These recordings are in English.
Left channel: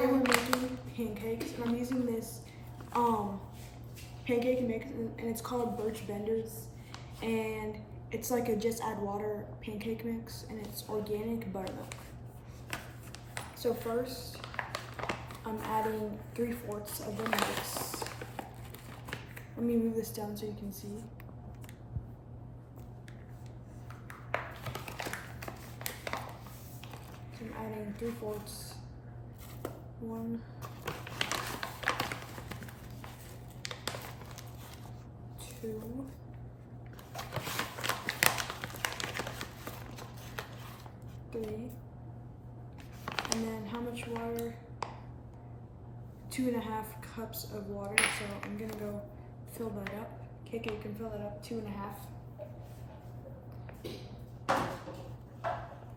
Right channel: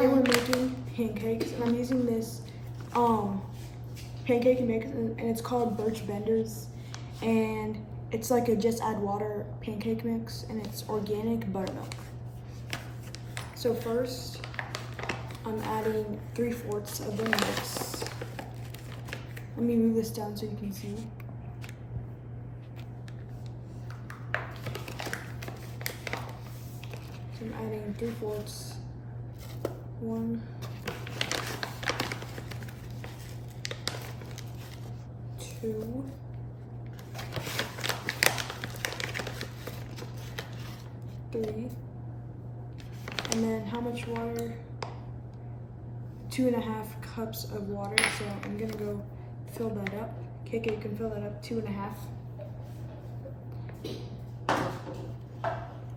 Today we're making pancakes, and I'm using this pancake mix, and it's called Birch Benders, and it's like a just add water pancake mix, and it's organic buttermilk. So first, I'm adding 3/4 of the mix. Let me move this down so you can see. So I'm adding 3/4. 1, 2, 3, and then how much water? 2.5 cups of water. So I'm gonna go fill that up. KK, you can fill that up, 2.5.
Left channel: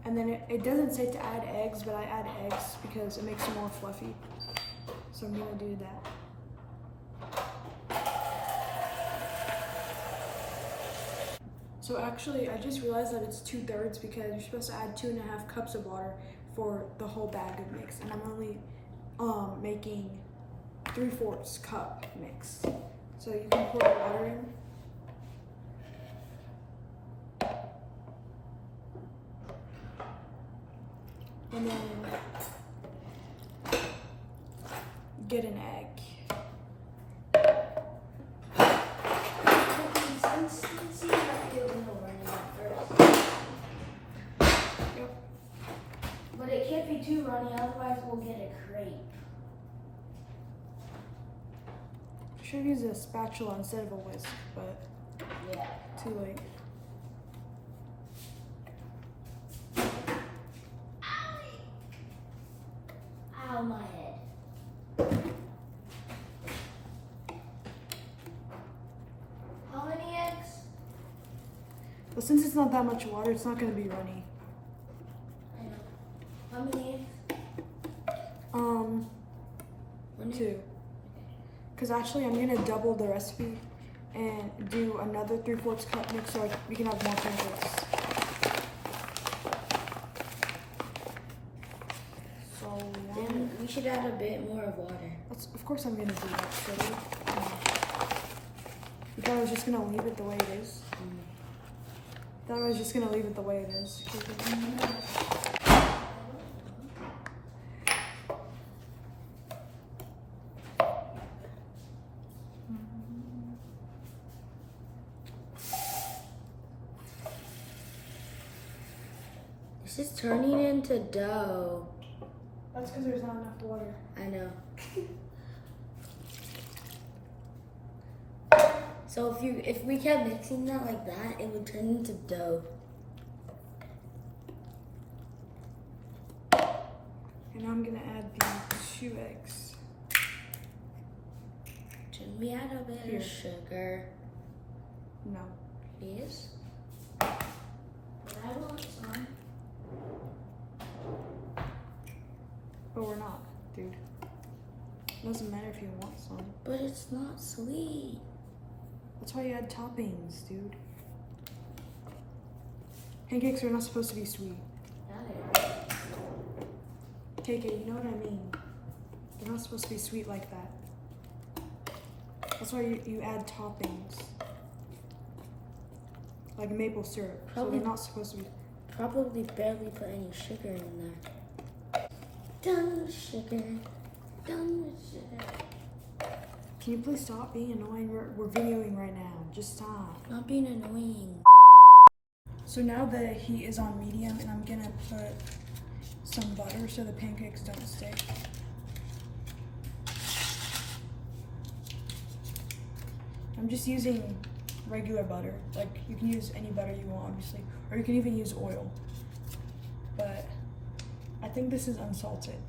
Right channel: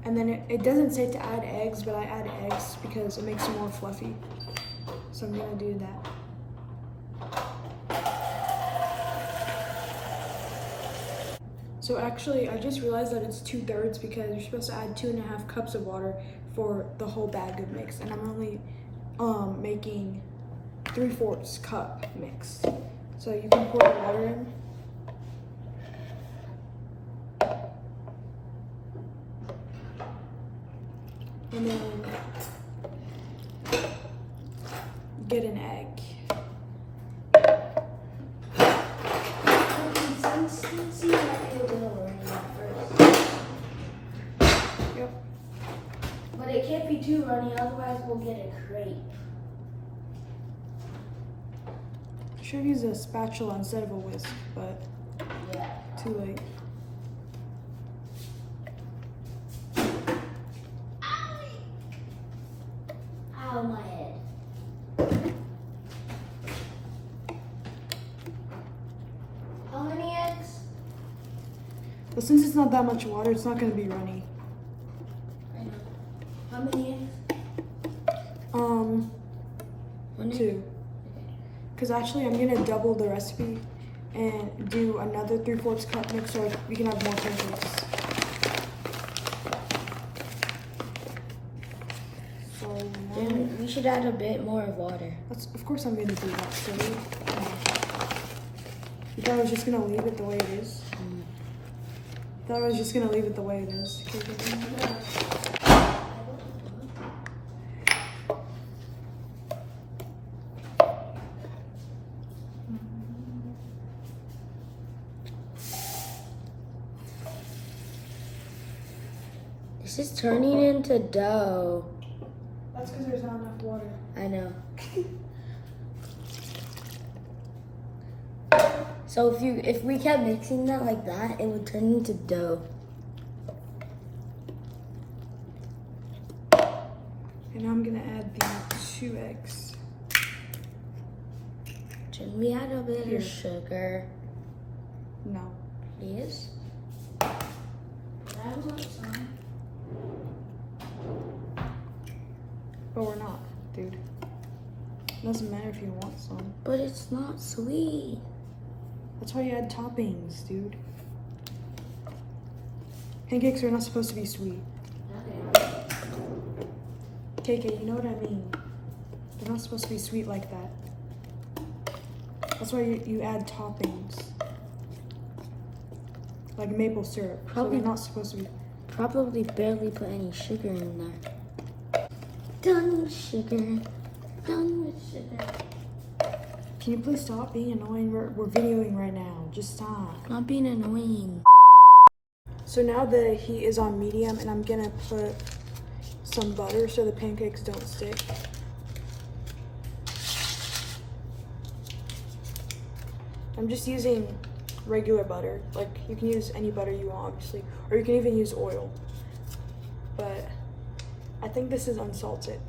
And then it doesn't say to add eggs, but I add eggs because it makes it more fluffy. So I'm gonna do that. So actually, I just realized that it's 2/3 because you're supposed to add 2.5 cups of water for the whole bag of mix. And I'm only making 3/4 cup mix. So you can pour the water in. And then get an egg. Yep. But it can't be too runny, otherwise we'll get a crepe. I should have used a spatula instead of a whisk, but yeah, too late. Ow, my head. How many eggs? But since it's not that much water, it's not gonna be runny. I know. How many eggs? 2. Because actually I'm gonna double the recipe and do another 3/4 cup mix so we can have more pancakes. So Then we should add a bit more water. of course I'm gonna do that. So you thought I was just gonna leave it the way it is? Thought I was just gonna leave it the way it is. This is turning into dough. That's because there's not enough water. I know. So if we kept mixing that like that, it would turn into dough. And now I'm gonna add the 2 eggs. Should we add a bit Here. of sugar? No. Yes. I want some. But we're not, dude. Doesn't matter if you want some. But it's not sweet. That's why you add toppings, dude. Pancakes are not supposed to be sweet. KK, you know what I mean. They're not supposed to be sweet like that. That's why you add toppings. Like maple syrup. So they're not supposed to be. Probably barely put any sugar in there. Done with sugar. Done with sugar. Can you please stop being annoying? We're videoing right now. Just stop. Not being annoying. So now the heat is on medium, and I'm gonna put some butter so the pancakes don't stick. I'm just using regular butter. Like, you can use any butter you want, obviously, or you can even use oil. But I think this is unsalted.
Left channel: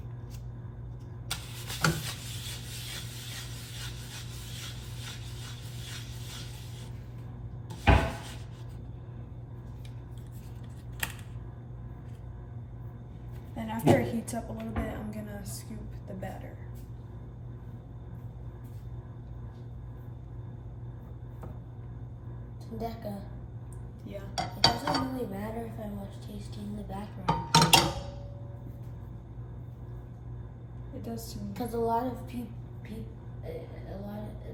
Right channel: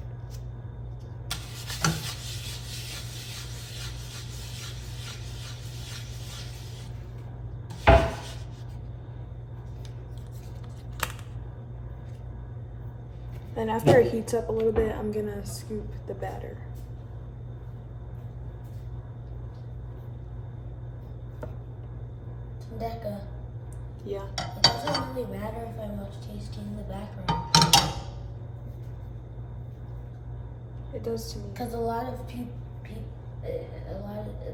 Then after it heats up a little bit, I'm gonna scoop the batter. Decca. Yeah. It doesn't really matter if I watch Tasty in the background. It does to me. Because a lot of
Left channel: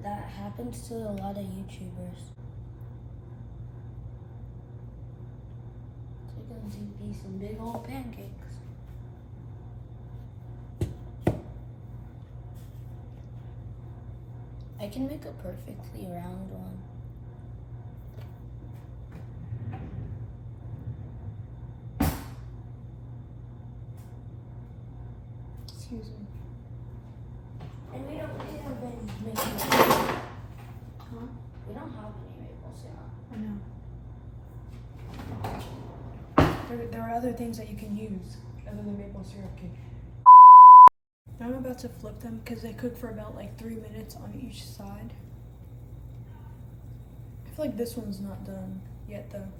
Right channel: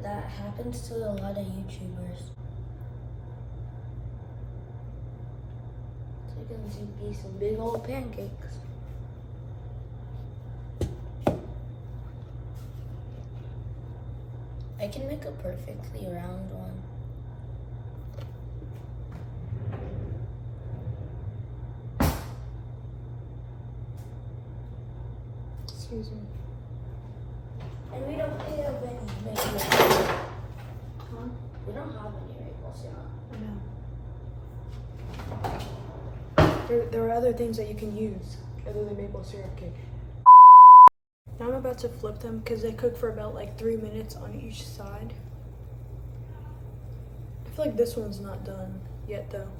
that happens to a lot of YouTubers. So you're gonna be some big old pancakes. I can make a perfectly round one. Excuse me. And we don't have any maple syrup. Huh? We don't have any maple syrup. I know. There are other things that you can use other than maple syrup cake. Now I'm about to flip them because they cook for about like 3 minutes on each side. I feel like this one's not done yet though.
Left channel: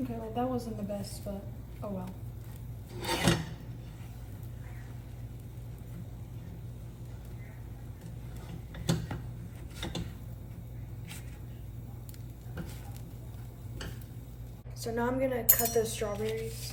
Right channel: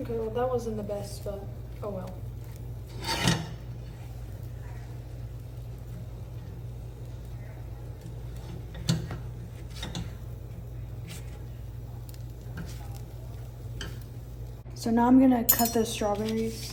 Okay, well that wasn't the best, but oh well. So now I'm gonna cut the strawberries.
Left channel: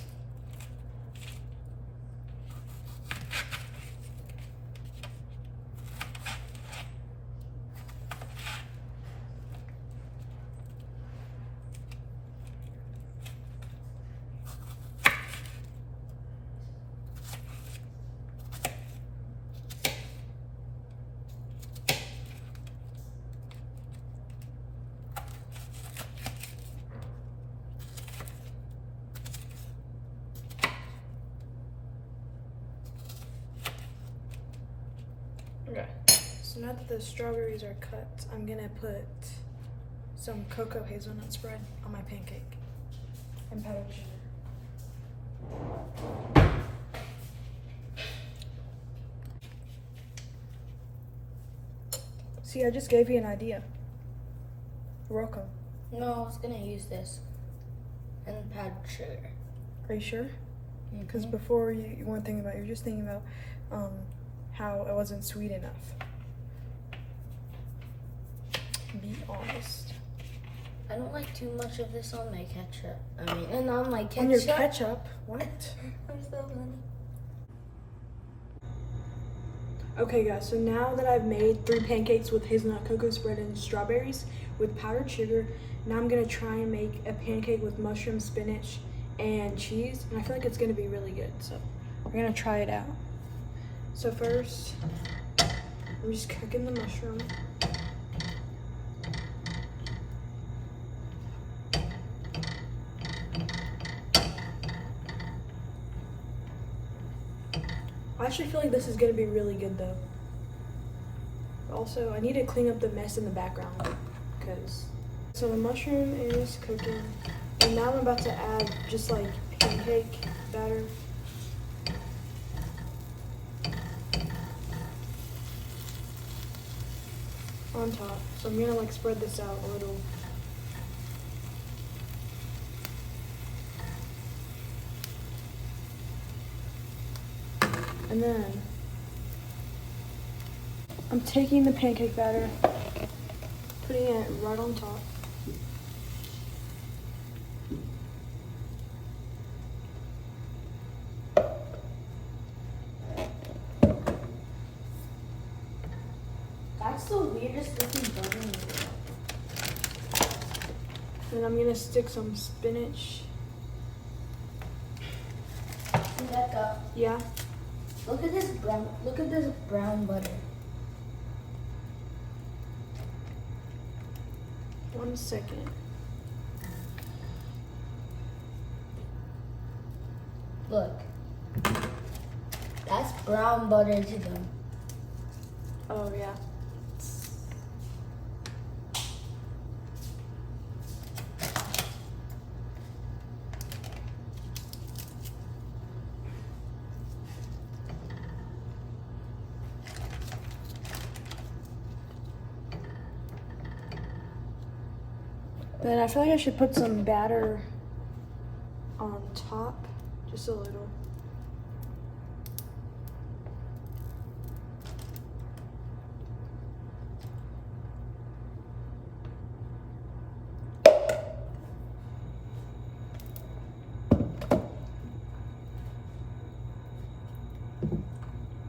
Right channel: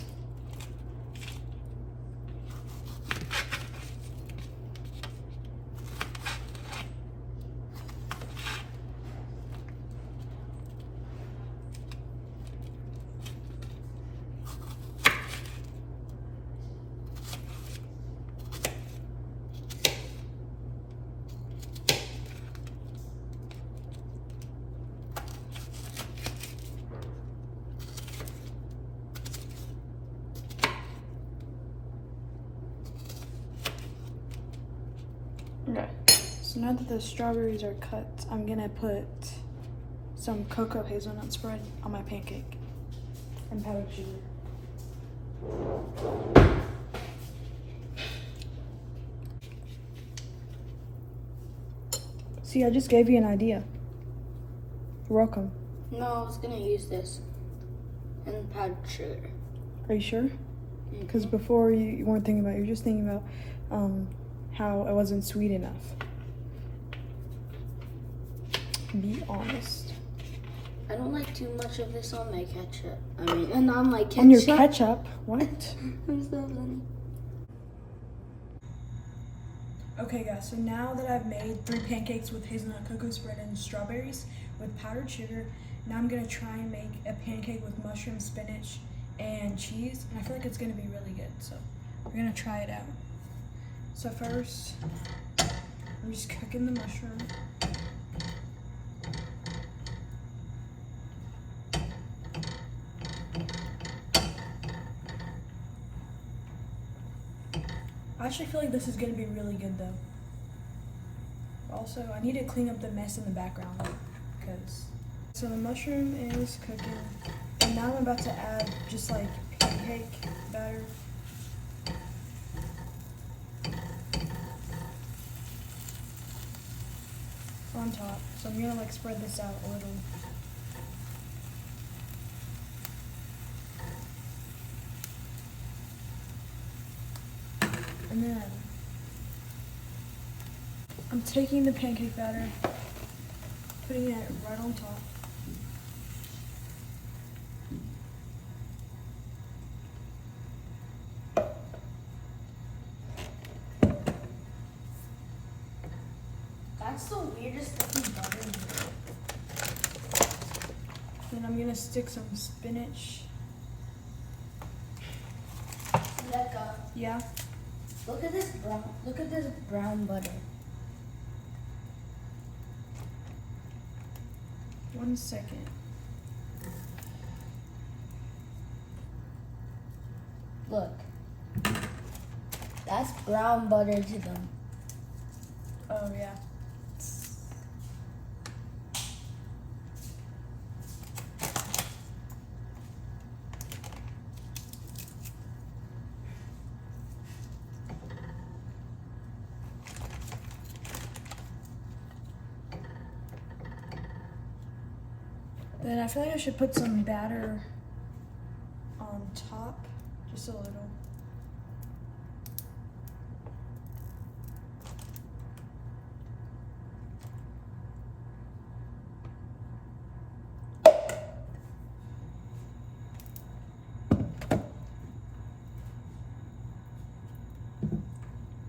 Okay, so now that the strawberries are cut, I'm gonna put some cocoa hazelnut spread on my pancake and powdered sugar. See, I just gave you an idea. You're welcome. No, I was gonna use this and powdered sugar. Are you sure? Because before you weren't thinking about it, you were just thinking about how it wasn't sweet enough. Be honest. I don't like too much of this on my ketchup. I mean, and on my ketchup. On your ketchup? What? I'm so funny. Okay guys, so now that I've made 3 pancakes with hazelnut cocoa spread and strawberries with powdered sugar, now I'm gonna try and make a pancake with mushroom, spinach, and cheese. And I feel like it's gonna be really good, so we're gonna try it out. So first, I'm just cooking the mushroom. I actually feel like this is gonna be really good though. Also, I need to clean up the mess in the background so the mushroom is cooking, and now I'm about to add just like pancake batter. On top. So I'm gonna like spread this out a little. And then I'm taking the pancake batter, putting it right on top. That's the weirdest looking button. And I'm gonna stick some spinach. Rebecca, Yeah. look at this brown butter. 1 second. Look. That's brown butter to them. Oh yeah. Then I feel like I should put some batter on top, just a little.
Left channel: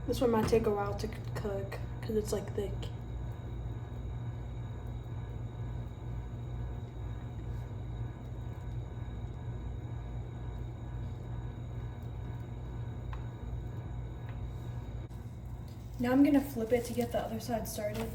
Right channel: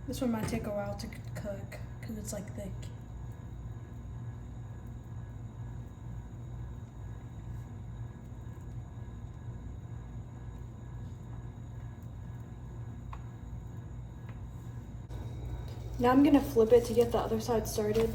This one might take a while to cook because it's like thick. Now I'm gonna flip it to get the other side started.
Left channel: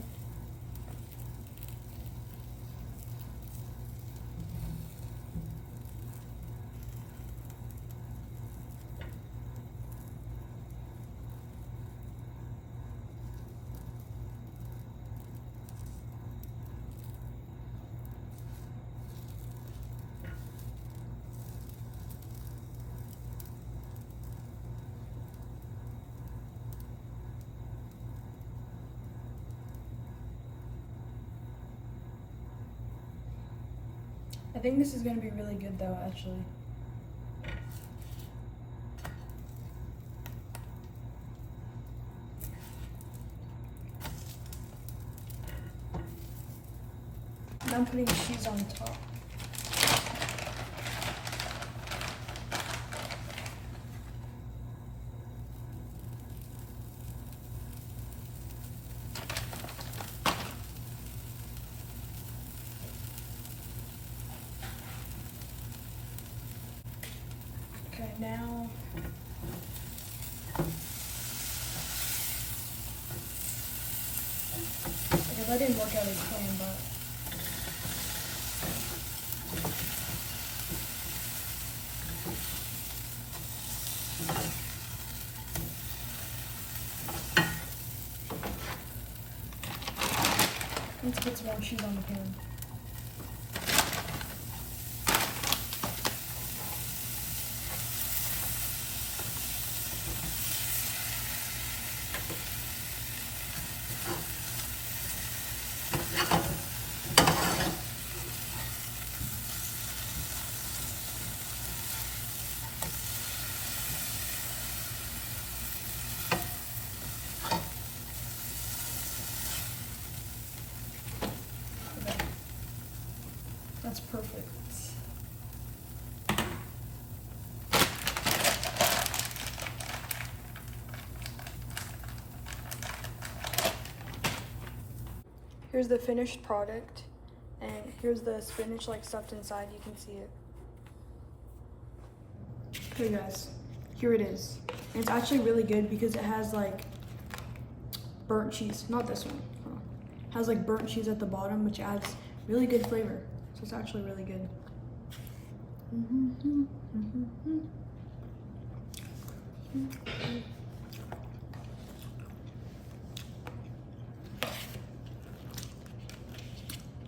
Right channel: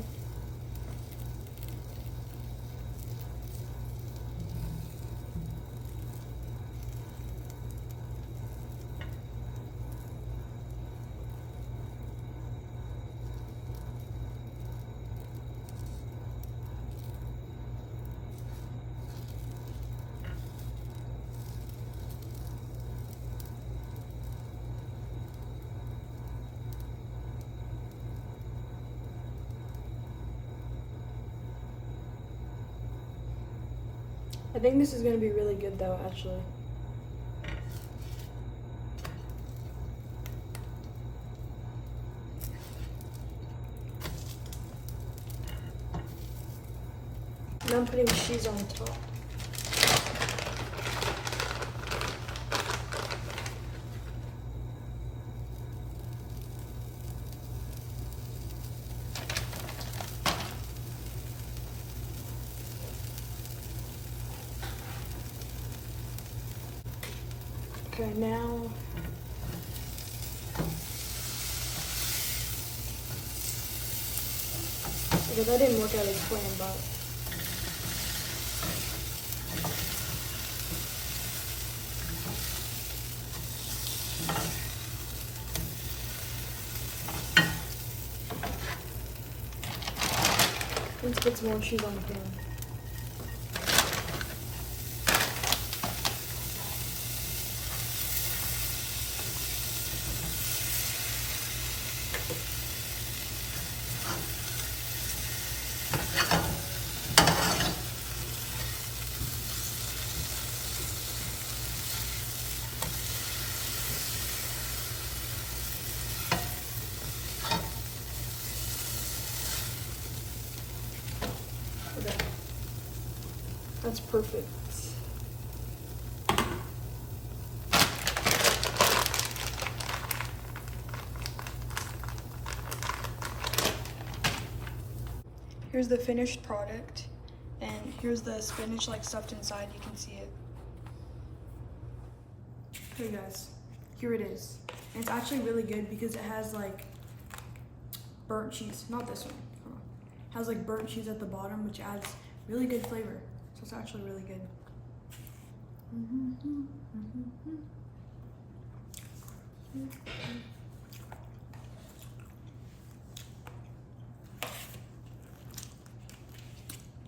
I think this is gonna be really good though, actually. Now I'm putting cheese on top. Okay, now okay, that didn't work out as planned, but let's put some more cheese on the pan. Okay. That's perfect. Here's the finished product, and here's the spinach like stuffed inside. You can see it. Okay guys, here it is. And it's actually really good because it has like burnt cheese. Not this one. It has like burnt cheese at the bottom, which adds really good flavor. So it's actually really good.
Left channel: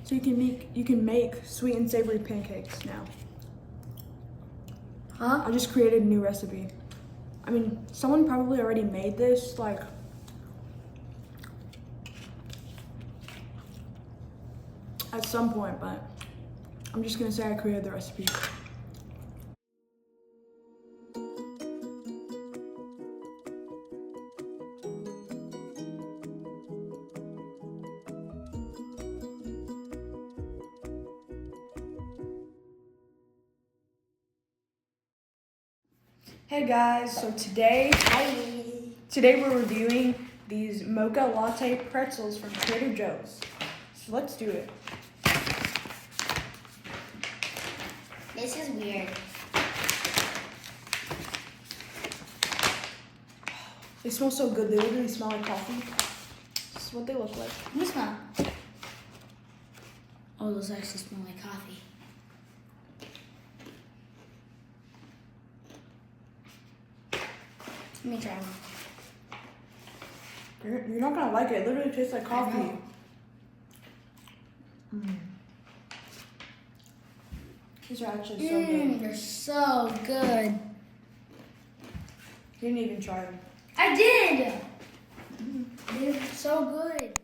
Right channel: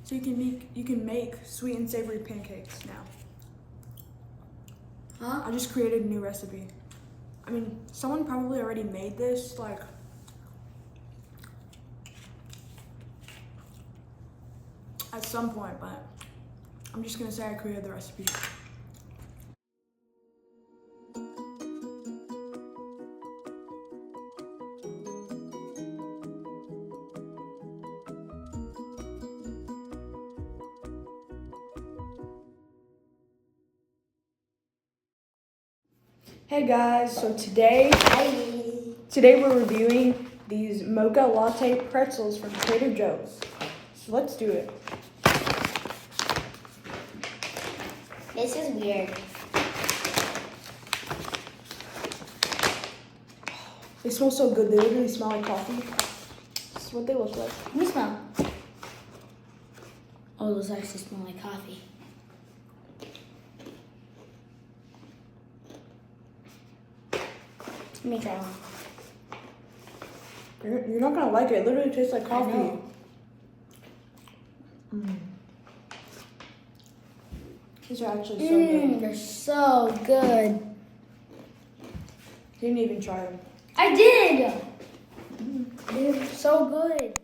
So you can make sweet and savory pancakes now. Huh? I just created a new recipe. I mean, someone probably already made this like at some point, but I'm just gonna say I created the recipe. Hey guys, so today we're reviewing these mocha latte pretzels from Trader Joe's. So let's do it. This is weird. They smell so good. They literally smell like coffee. This is what they look like. Let me smell. Oh, those actually smell like coffee. Let me try one. You're not gonna like it. It literally tastes like coffee. I know. These are actually so good. They're so good. Didn't even try them. I did. They're so good.